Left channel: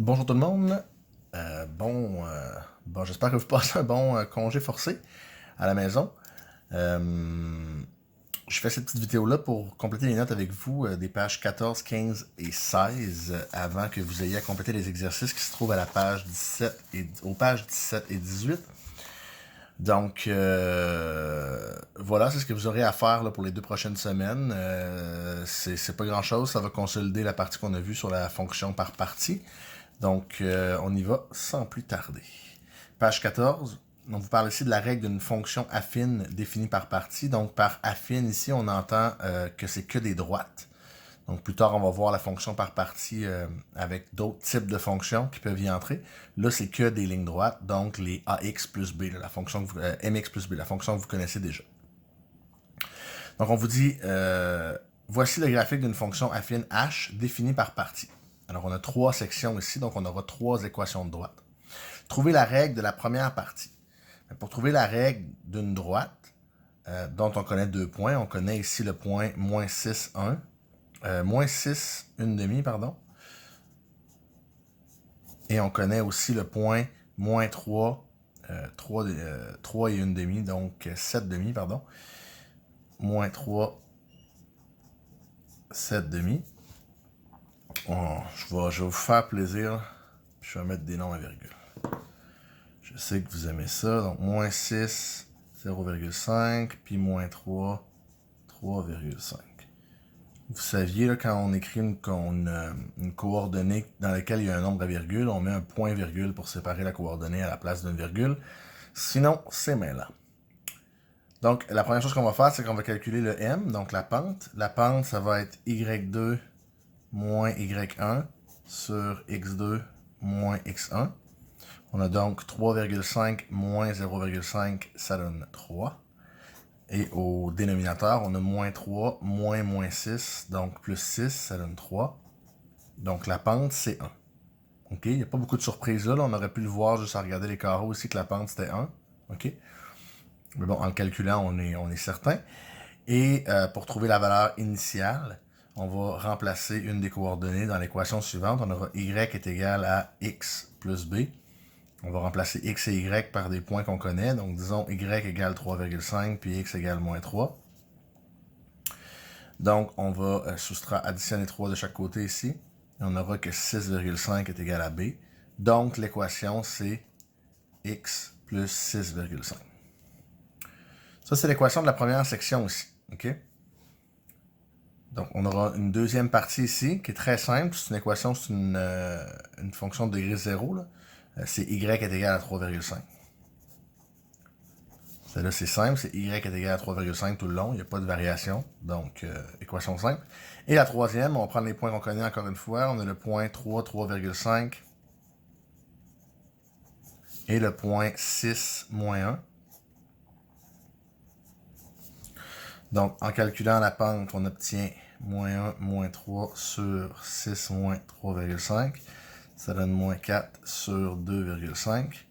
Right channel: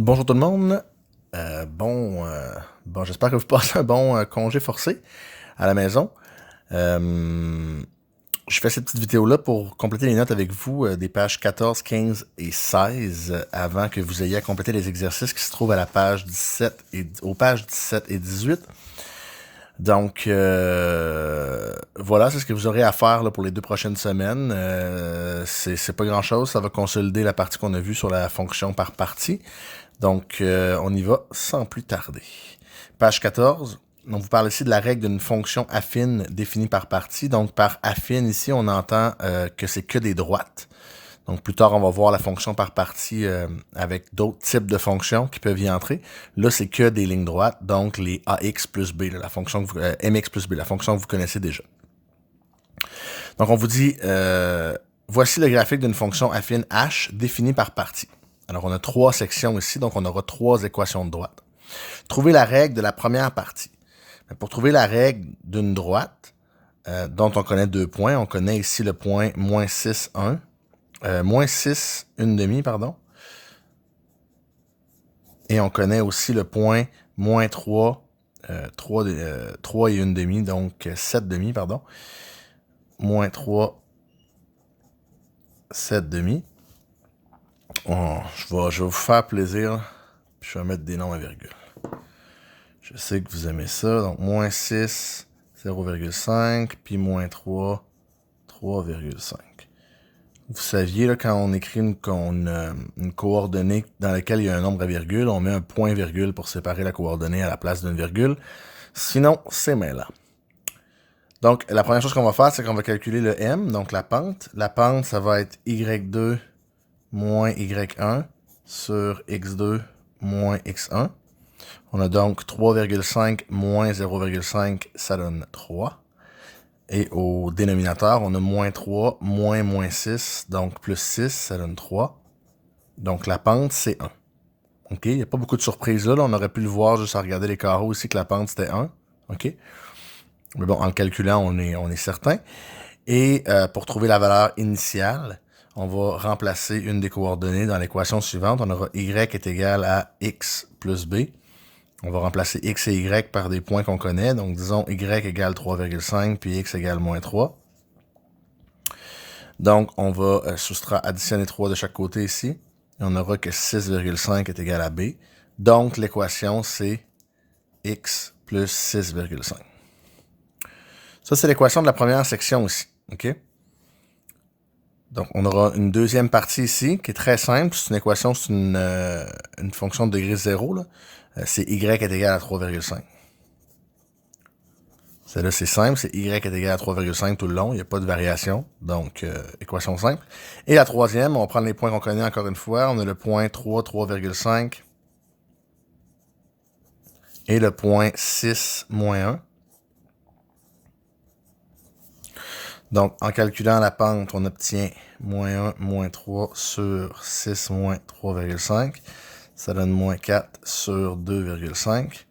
Bonjour tout le monde. J'espère que vous passez un bon congé forcé à la maison. Euh, je fais cette petite vidéo-là pour compléter les notes avec vous des pages 14, 15 et 16 avant que vous ayez à compléter les exercices qui se trouvent à la page 17 aux pages 17 et 18. Donc, voilà, c'est ce que vous aurez à faire là, pour les 2 prochaines semaines. C'est pas grand-chose, ça va consolider la partie qu'on a vue sur la fonction par partie. Donc, on y va sans plus tarder. Page 14, on vous parle ici de la règle d'une fonction affine définie par partie. Donc, par affine, ici, on entend que c'est que des droites. Donc, plus tard, on va voir la fonction par partie avec d'autres types de fonctions qui peuvent y entrer. Là, c'est que des lignes droites, donc les AX plus B, la fonction que MX plus B, la fonction que vous connaissez déjà. Donc, on vous dit, voici le graphique d'une fonction affine H définie par partie. Alors, on a 3 sections ici, donc on aura 3 équations de droite. Trouver la règle de la première partie. Pour trouver la règle d'une droite, dont on connaît 2 points, on connaît ici le point moins 6, 1, moins 6, 1 demi, pardon. Et on connaît aussi le point moins 3, 3 et 1 demi, donc 7 demi, pardon. Moins 3, 7 demi. Je vais vous faire plaisir, puis je vais mettre des noms à virgule. Je sais que vous aimez ça, donc moins 6, 0,5, puis moins 3, 3,5. Vous saviez, là, quand on écrit une coordonnée dans laquelle il y a un nombre à virgule, on met un point-virgule pour séparer la coordonnée à la place d'une virgule. Sinon, c'est mêlant. Donc, la première chose qu'on va faire, c'est qu'on va calculer le m, donc la pente. La pente, ça va être y2 moins y1 sur x2 moins x1. On a donc 3,5 moins 0,5, ça donne 3. Et au dénominateur, on a moins 3, moins 6, donc plus 6, ça donne 3. Donc la pente, c'est 1. OK? Il n'y a pas beaucoup de surprises là. On aurait pu le voir juste à regarder les carreaux ici que la pente, c'était 1. OK? Mais bon, en le calculant, on est certain. Et pour trouver la valeur initiale, on va remplacer une des coordonnées dans l'équation suivante. On aura y est égal à x plus b. On va remplacer x et y par des points qu'on connaît. Donc, disons y égale 3,5, puis x égale moins 3. Donc, on va additionner 3 de chaque côté ici. Et on aura que 6,5 est égal à b. Donc, l'équation, c'est x plus 6,5. Ça, c'est l'équation de la première section aussi. OK? Donc, on aura une deuxième partie ici qui est très simple. C'est une équation, c'est une fonction de degré 0. C'est y est égal à 3,5. Celle-là, c'est simple. C'est y est égal à 3,5 tout le long. Il n'y a pas de variation. Donc, équation simple. Et la troisième, on va prendre les points qu'on connaît encore une fois. On a le point 3, 3,5. Et le point 6, moins 1. Donc, en calculant la pente, on obtient moins 1, moins 3 sur 6, moins 3,5. Ça donne moins 4 sur 2,5.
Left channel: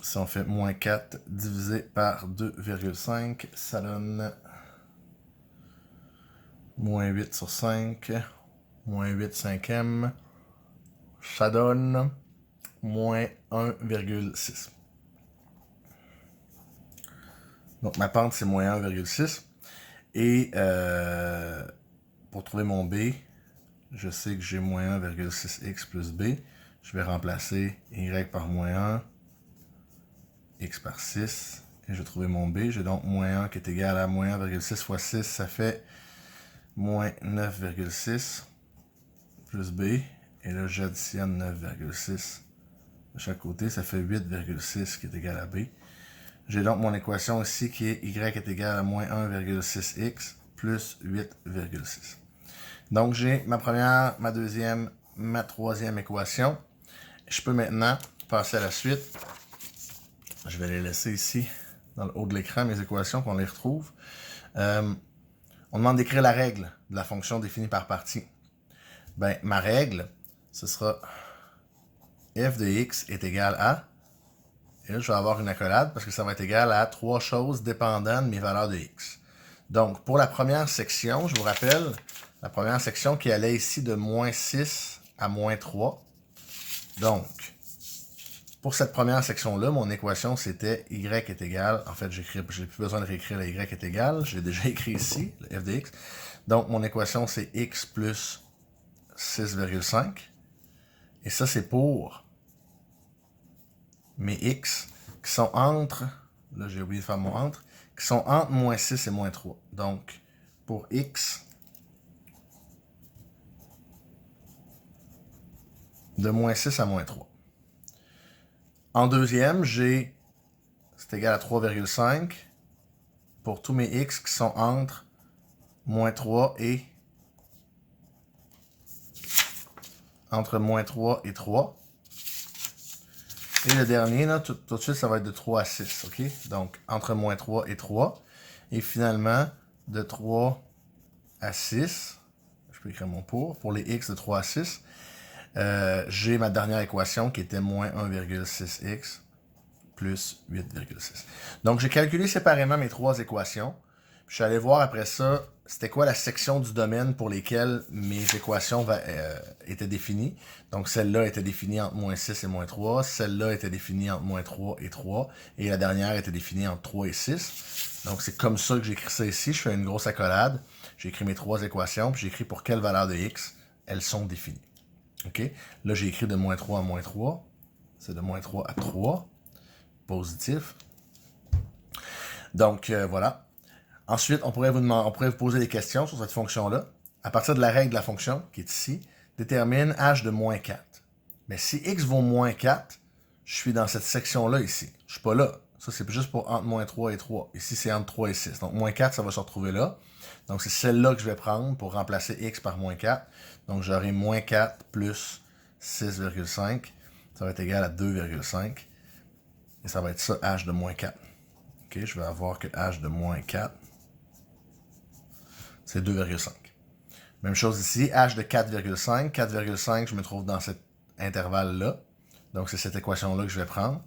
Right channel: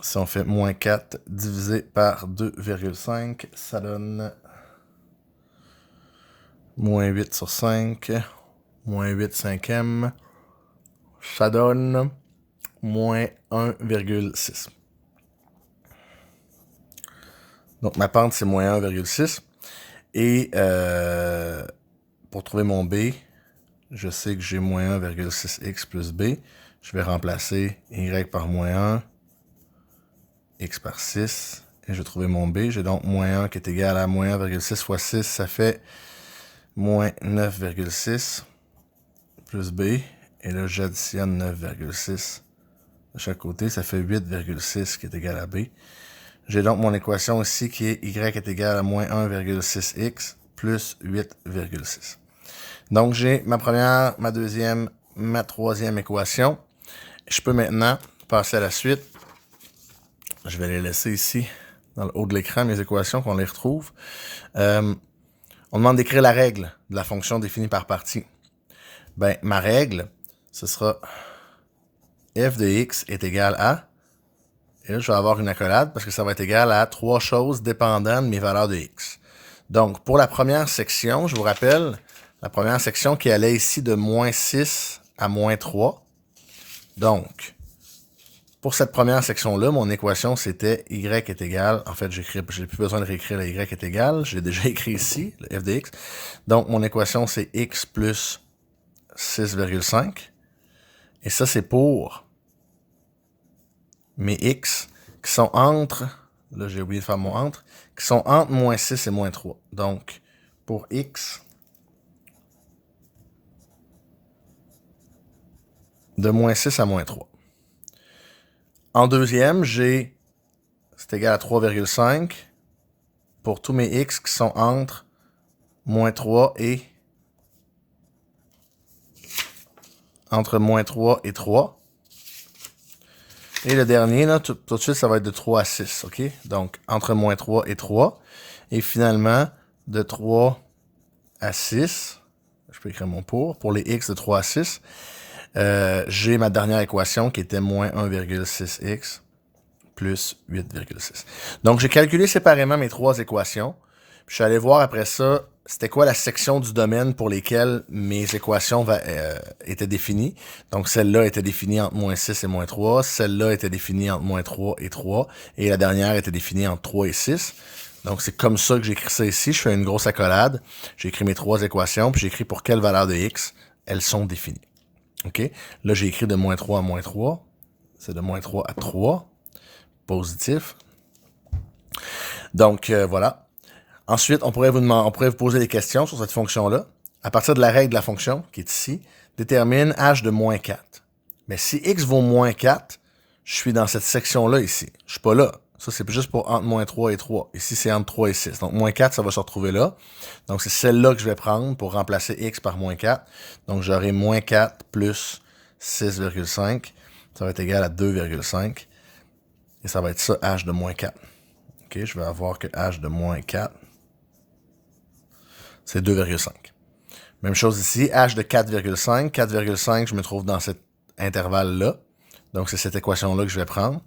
Si on fait moins 4 divisé par 2,5, ça donne moins 8 sur 5, moins 8 cinquièmes, ça donne moins 1,6. Donc ma pente, c'est moins 1,6. Et pour trouver mon B, je sais que j'ai moins 1,6x plus B. Je vais remplacer y par moins 1, x par 6. Et je vais trouver mon B. J'ai donc moins 1 qui est égal à moins 1,6 fois 6. Ça fait moins 9,6 plus B. Et là, j'additionne 9,6 de chaque côté. Ça fait 8,6 qui est égal à B. J'ai donc mon équation ici qui est y est égal à moins 1,6x plus 8,6. Donc, j'ai ma première, ma deuxième, ma troisième équation. Je peux maintenant passer à la suite. Je vais les laisser ici, dans le haut de l'écran, mes équations, qu'on les retrouve. On demande d'écrire la règle de la fonction définie par partie. Ben, ma règle, ce sera f de x est égal à... Et là, je vais avoir une accolade parce que ça va être égal à 3 choses dépendant de mes valeurs de x. Donc, pour la première section, je vous rappelle, la première section qui allait ici de moins 6 à moins 3. Donc, pour cette première section-là, mon équation, c'était y est égal, en fait, j'ai plus besoin de réécrire le y est égal, j'ai déjà écrit ici, le f de x. Donc, mon équation, c'est x plus 6,5. Et ça, c'est pour mes x qui sont entre, là j'ai oublié de faire mon entre, qui sont entre moins 6 et moins 3. Donc, pour x de moins 6 à moins 3. En deuxième, j'ai, c'est égal à 3,5 pour tous mes x qui sont entre moins 3 et entre moins 3 et 3. Et le dernier, là, tout de suite, ça va être de 3 à 6, ok? Donc, entre moins 3 et 3. Et finalement, de 3 à 6, je peux écrire mon pour les x de 3 à 6, j'ai ma dernière équation qui était moins 1,6x plus 8,6. Donc, j'ai calculé séparément mes trois équations. Puis, je suis allé voir après ça, c'était quoi la section du domaine pour lesquelles mes équations étaient définies. Donc, celle-là était définie entre moins 6 et moins 3. Celle-là était définie entre moins 3 et 3. Et la dernière était définie entre 3 et 6. Donc, c'est comme ça que j'ai écrit ça ici. Je fais une grosse accolade. J'ai écrit mes trois équations, puis j'ai écrit pour quelle valeur de x elles sont définies. OK? Là, j'ai écrit de moins 3 à moins 3. C'est de moins 3 à 3. Positif. Donc, voilà. Ensuite, on pourrait vous poser des questions sur cette fonction-là. À partir de la règle de la fonction, qui est ici, détermine h de moins 4. Mais si x vaut moins 4, je suis dans cette section-là ici. Je ne suis pas là. Ça, c'est juste pour entre moins 3 et 3. Ici, c'est entre 3 et 6. Donc, moins 4, ça va se retrouver là. Donc, c'est celle-là que je vais prendre pour remplacer x par moins 4. Donc, j'aurai moins 4 plus 6,5. Ça va être égal à 2,5. Et ça va être ça, h de moins 4. OK, je vais avoir que h de moins 4, c'est 2,5. Même chose ici, h de 4,5. 4,5, je me trouve dans cet intervalle-là. Donc, c'est cette équation-là que je vais prendre.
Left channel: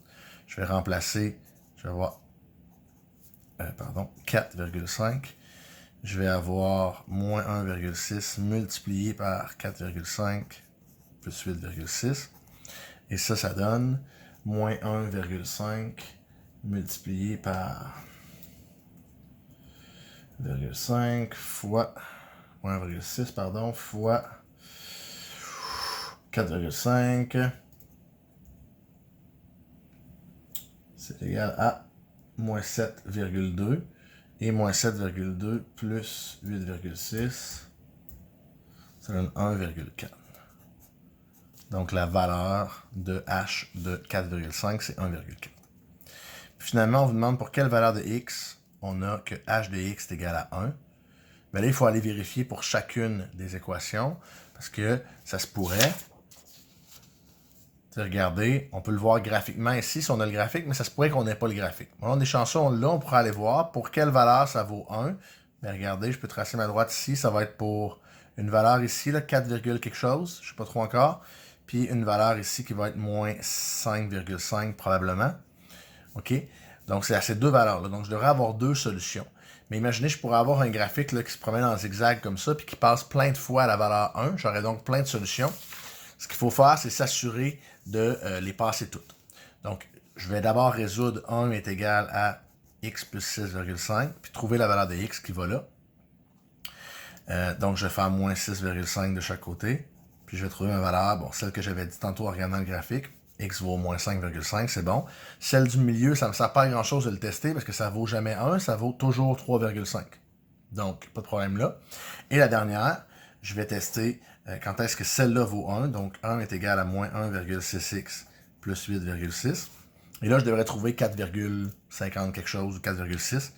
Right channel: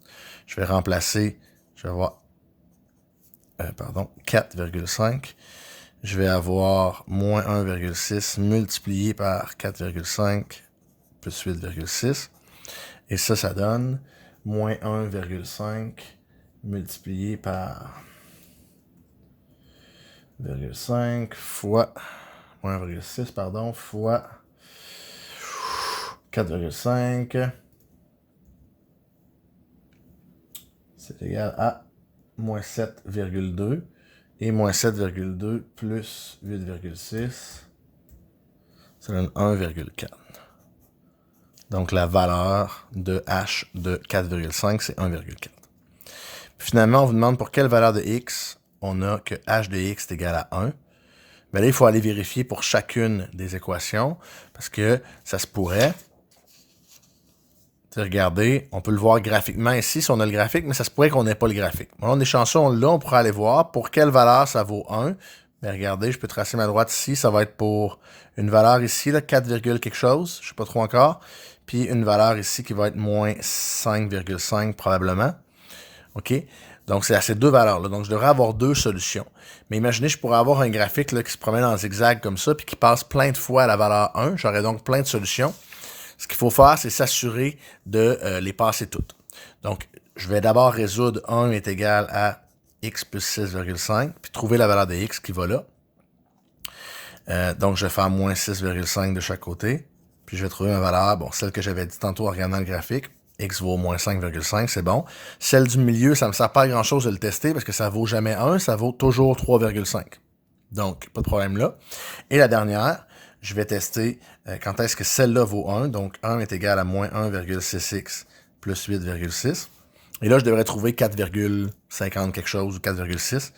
Je vais remplacer, je vais avoir, 4,5. Je vais avoir moins 1,6 multiplié par 4,5 plus 8,6. Et ça donne moins 1,5 multiplié par 0,5 fois 1,6 pardon fois 4,5 c'est égal à moins 7,2 et moins 7,2 plus 8,6 ça donne 1,4. Donc la valeur de h de 4,5 c'est 1,4. Finalement on vous demande pour quelle valeur de x on a que h de x est égal à 1. Mais là, il faut aller vérifier pour chacune des équations, parce que ça se pourrait. Regardez, on peut le voir graphiquement ici, si on a le graphique, mais ça se pourrait qu'on n'ait pas le graphique. Bon, on est chanceux, on pourra aller voir pour quelle valeur ça vaut 1. Mais regardez, je peux tracer ma droite ici, ça va être pour une valeur ici, là, 4, quelque chose, je ne sais pas trop encore. Puis une valeur ici qui va être moins 5,5 probablement. OK? Donc, c'est à ces deux valeurs-là. Donc, je devrais avoir deux solutions. Mais imaginez, je pourrais avoir un graphique là, qui se promène en zigzag comme ça, puis qui passe plein de fois à la valeur 1. J'aurais donc plein de solutions. Ce qu'il faut faire, c'est s'assurer de les passer toutes. Donc, je vais d'abord résoudre 1 est égal à x plus 6,5, puis trouver la valeur de x qui va là. Donc, je vais faire moins 6,5 de chaque côté. Puis, je vais trouver ma valeur, bon, celle que j'avais dit tantôt en regardant le graphique. X vaut moins 5,5, c'est bon. Celle du milieu, ça ne me sert pas à grand-chose de le tester parce que ça ne vaut jamais 1, ça vaut toujours 3,5. Donc, pas de problème là. Et la dernière, je vais tester quand est-ce que celle-là vaut 1. Donc, 1 est égal à moins 1,6x plus 8,6. Et là, je devrais trouver 4,50 quelque chose ou 4,6.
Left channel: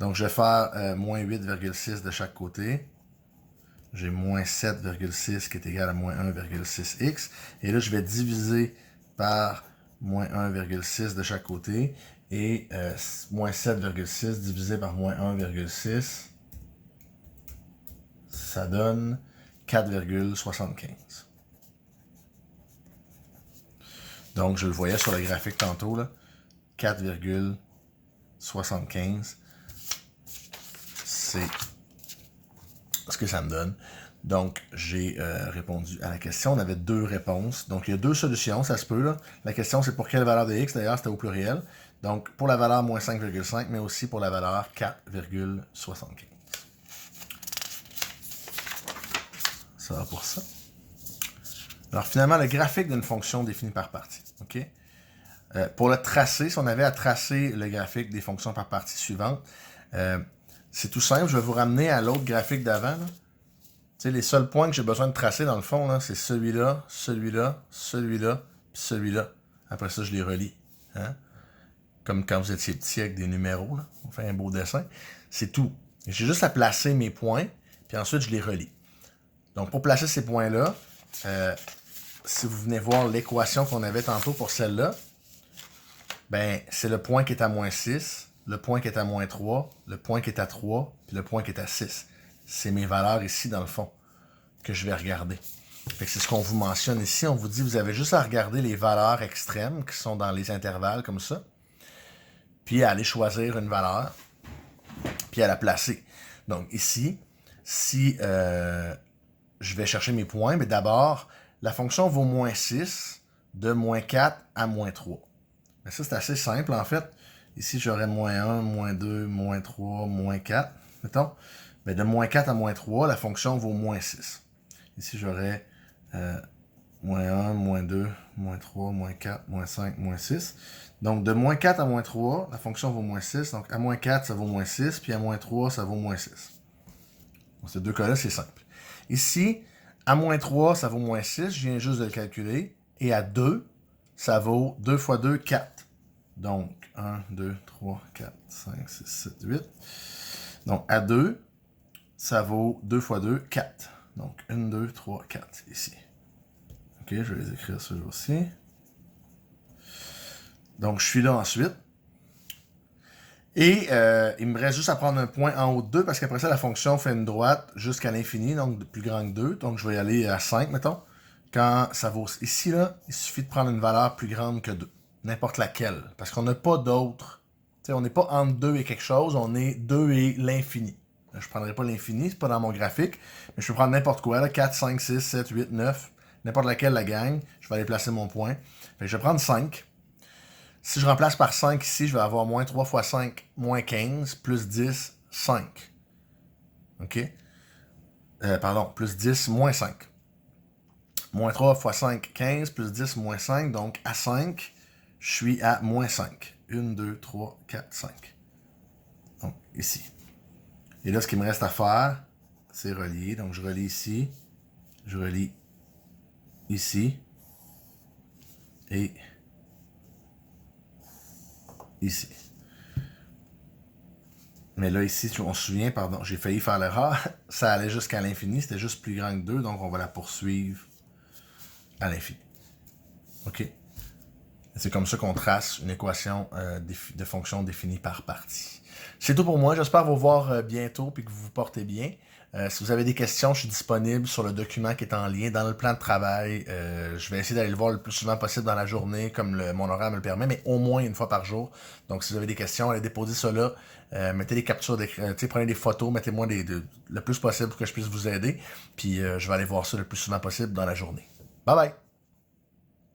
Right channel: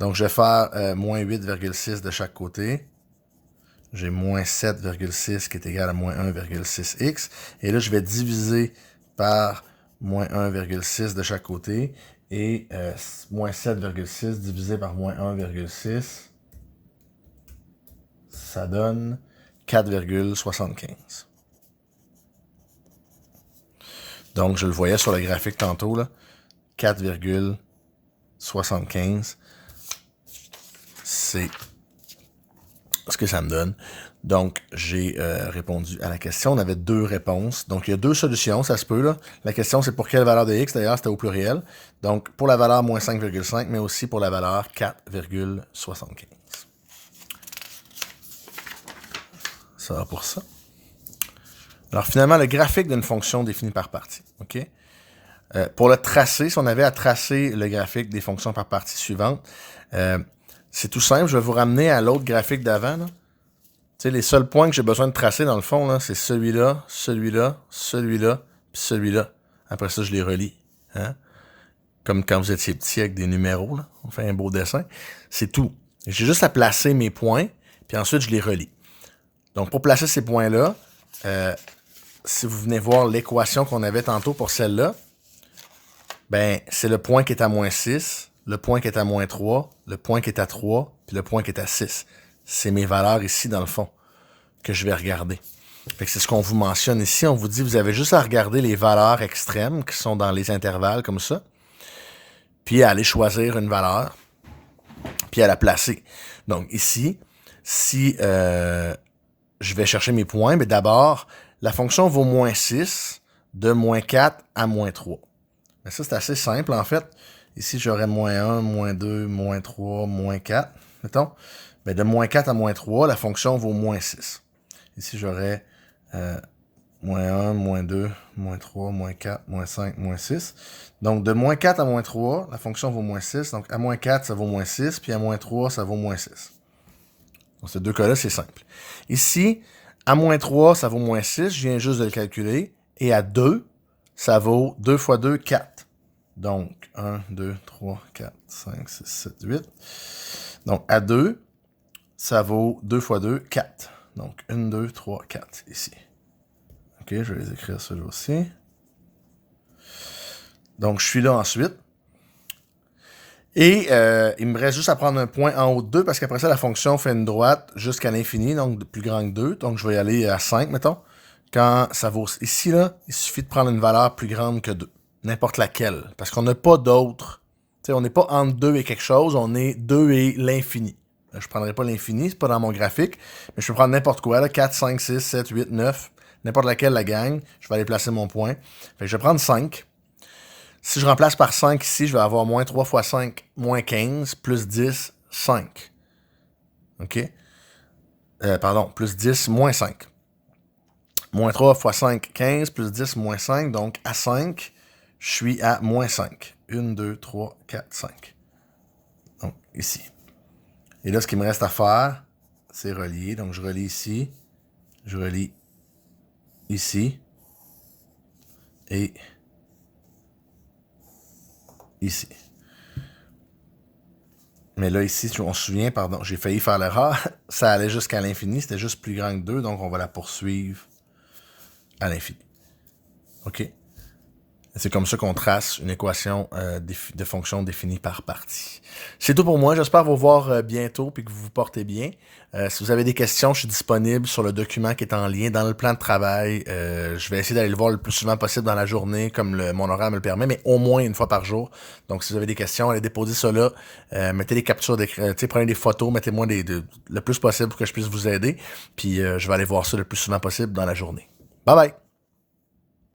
Donc, je vais faire moins 8,6 de chaque côté. J'ai moins 7,6 qui est égal à moins 1,6x. Et là, je vais diviser par moins 1,6 de chaque côté. Et moins 7,6 divisé par moins 1,6, ça donne 4,75. Donc, je le voyais sur le graphique tantôt, là, 4,75, c'est ce que ça me donne. Donc, j'ai répondu à la question. On avait 2 réponses. Donc, il y a 2 solutions, ça se peut, là. La question, c'est pour quelle valeur de x, d'ailleurs, c'était au pluriel. Donc, pour la valeur moins 5,5, mais aussi pour la valeur 4,75. Ça va pour ça. Alors, finalement, le graphique d'une fonction définie par partie. OK? Pour le tracer, si on avait à tracer le graphique des fonctions par partie suivantes, c'est tout simple. Je vais vous ramener à l'autre graphique d'avant, là. Tu sais, les seuls points que j'ai besoin de tracer, dans le fond, c'est celui-là, celui-là, celui-là, puis celui-là. Après ça, je les relie. Hein? Comme quand vous étiez petit avec des numéros, là. On fait un beau dessin. C'est tout. J'ai juste à placer mes points, puis ensuite, je les relie. Donc, pour placer ces points-là, si vous venez voir l'équation qu'on avait tantôt pour celle-là, ben, c'est le point qui est à moins 6, le point qui est à moins 3, le point qui est à 3, puis le point qui est à 6. C'est mes valeurs ici, dans le fond, que je vais regarder. Fait que c'est ce qu'on vous mentionne ici. On vous dit, vous avez juste à regarder les valeurs extrêmes qui sont dans les intervalles, comme ça, puis à aller choisir une valeur, puis à la placer. Donc ici, si je vais chercher mes points, mais d'abord, la fonction vaut moins 6 de moins 4 à moins 3. Mais ça, c'est assez simple, en fait. Ici, j'aurais moins 1, moins 2, moins 3, moins 4, mettons. Mais de moins 4 à moins 3, la fonction vaut moins 6. Ici, j'aurais moins 1, moins 2, moins 3, moins 4, moins 5, moins 6. Donc, de moins 4 à moins 3, la fonction vaut moins 6. Donc, à moins 4, ça vaut moins 6. Puis à moins 3, ça vaut moins 6. Donc, ces deux cas-là, c'est simple. Ici, à moins 3, ça vaut moins 6. Je viens juste de le calculer. Et à 2, ça vaut 2 fois 2, 4. Donc, 1, 2, 3, 4, 5, 6, 7, 8. Donc, à 2, ça vaut 2 fois 2, 4. Donc, 1, 2, 3, 4, ici. OK, je vais les écrire ceux-là aussi. Donc, je suis là ensuite. Et il me reste juste à prendre un point en haut de 2, parce qu'après ça, la fonction fait une droite jusqu'à l'infini, donc plus grand que 2. Donc, je vais y aller à 5, mettons. Quand ça vaut ici, là, il suffit de prendre une valeur plus grande que 2. N'importe laquelle. Parce qu'on n'a pas d'autre. Tu sais, on n'est pas entre 2 et quelque chose, on est 2 et l'infini. Je ne prendrai pas l'infini, c'est pas dans mon graphique, mais je peux prendre n'importe quoi, là, 4, 5, 6, 7, 8, 9, n'importe laquelle la gang. Je vais aller placer mon point. Fait que je vais prendre 5. Si je remplace par 5 ici, je vais avoir moins 3 fois 5, moins 15, plus 10, 5. OK? Pardon, plus 10, moins 5. Moins 3 fois 5, 15, plus 10, moins 5. Donc, à 5, je suis à moins 5. 1, 2, 3, 4, 5. Donc, ici. Et là, ce qu'il me reste à faire, c'est relier. Donc, je relie ici. Je relie ici. Et ici. Mais là, ici, on se souvient, pardon, j'ai failli faire l'erreur. Ça allait jusqu'à l'infini. C'était juste plus grand que 2. Donc, on va la poursuivre à l'infini. OK? C'est comme ça qu'on trace une équation de fonction définie par partie. C'est tout pour moi. J'espère vous voir bientôt et que vous vous portez bien. Si vous avez des questions, je suis disponible sur le document qui est en lien dans le plan de travail. Je vais essayer d'aller le voir le plus souvent possible dans la journée, comme mon horaire me le permet, mais au moins une fois par jour. Donc, si vous avez des questions, allez déposer ça là. Mettez des captures d'écran, prenez des photos, mettez-moi le plus possible pour que je puisse vous aider. Puis, je vais aller voir ça le plus souvent possible dans la journée. Bye bye!